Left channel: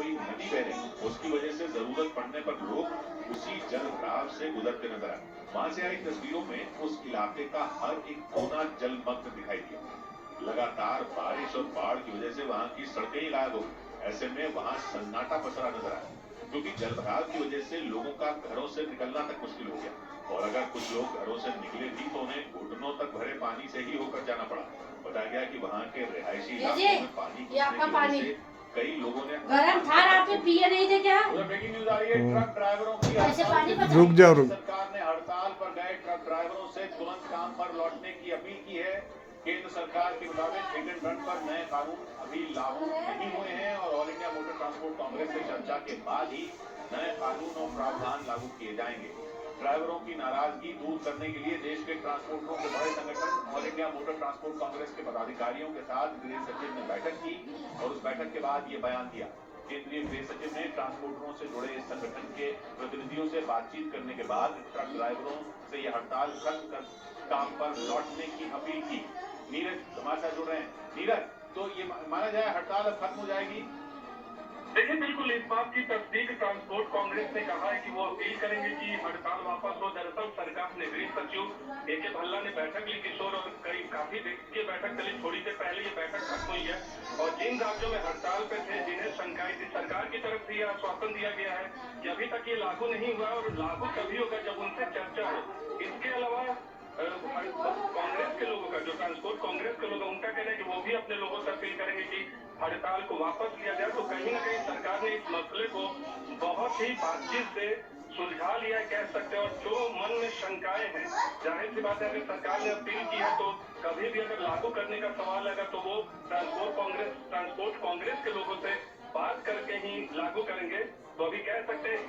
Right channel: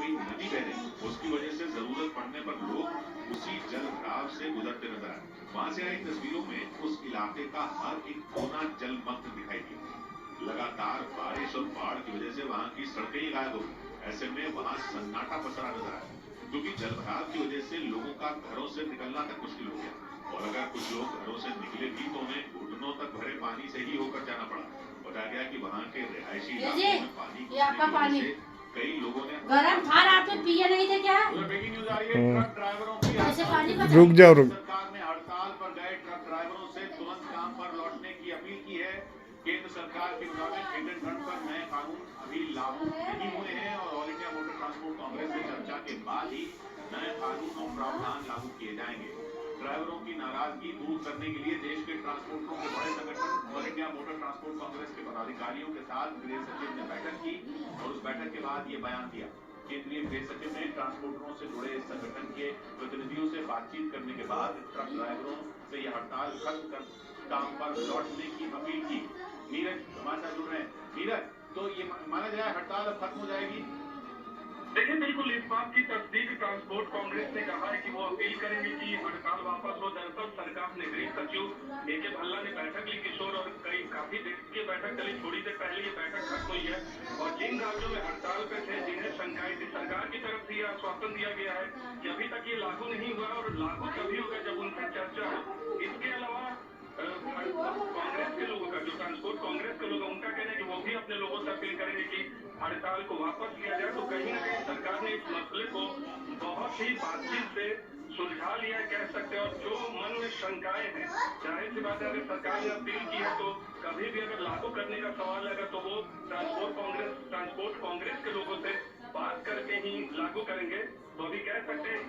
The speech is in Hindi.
कोई नदी बह रही, उसकी वजह से जरूरत पड़ने पर लोग उसी जल राह से गुजरते नजर आए। वहां से आई तस्वीरों में उस इलाके का हर एक कोना जलमग्न दिखाई दिया। लगातार बारिश और बाढ़ की वजह से वहां की सड़कें ही गायब हो गई। ऐसे में वहां सन्नाटा पसरा नजर आया, क्योंकि जलभराव की वजह से लोगों का घरों से निकलना तक मुश्किल हो गया। और अगर कुछ लोग घरों से निकले भी तो उन्हें घुटनों तक भरे पानी से ही होकर जाना पड़ा। बताया गया कि वहां के रिहायशी इलाकों में पानी घुसने की वजह से कई लोगों ने गरम था, रात में पिए नहीं थे क्या? ब्रेकिंग न्यूज आ रही है। ट्रक ड्राइवरों की ऐसे पानी हड़ताल। रुक जाओ सरकार ने हड़ताल पर गए ट्रक ड्राइवरों से तुरंत काम पर लौटने की अपील की है। केंद्र सरकार के मुताबिक हिट एंड रन पर नए कानून अभी लागू नहीं हुए हैं और all India motor transport Congress से चर्चा के बाद ही नए कानून और प्रावधान लागू किए जाएंगे। ड्राइवरों की नाराजगी दूर करने के लिए देश के ट्रांसपोर्टरों के बड़े संगठन all India motor transport Congress के पदाधिकारियों के साथ गृह सचिव ने बैठक की और उस बैठक के बाद ये बयान दिया। केंद्रीय गृह सचिव ने ट्रांसपोर्टरों से जुड़े इस संगठन के प्रतिनिधियों से बातचीत करने के बाद ट्रक ड्राइवरों से यह हड़ताल खत्म कर काम पर लौटने की अपील की। नीरज हमारे साथ जुड़ रहे हैं। नीरज, तो ये माना जाए हड़ताल अब खत्म हो जाएगी? देखिए, बिल्कुल इस बात की तस्दीक ट्रांसपोर्ट कांग्रेस ने कहा है कि वो अपील करेंगे कि हड़ताल वापस हो। दरअसल सरकार ने गृह सचिव ए.के. भल्ला ने बैठक ली किशोर और काफी देर की बैठक चली। थोड़ी देर पहले ये बैठक खत्म हुई है और जिन राज्यों में हड़ताल पे थे, जिन्हें शंकाएं थी, सरकार की तरफ से यह आश्वासन दिया गया है कि अभी तक ये लागू नहीं हुआ और लागू तभी होगा जब उनसे चर्चा हो। इसके अलावा कांग्रेस के लोगों का, जो ट्रांसपोर्ट कांग्रेस के लोग, उनका कहना है कि वो भी अपने लोगों से अपील करेंगे कि हड़ताल को वापस लिया जाए। तो कहीं ना कहीं सरकार ने इस मसले को बहुत ही बातचीत से सुलझा लिया कह सकते हैं। और जो मन में शंकाएं हैं, जाहिर सी बात है, अगर सरकार ने अपील की है तो कभी भी अगर लागू करने का सवाल है तो वो ट्रांसपोर्ट कांग्रेस के लोगों से बात करके ही लागू करेंगे। तो अभी कह सकते हैं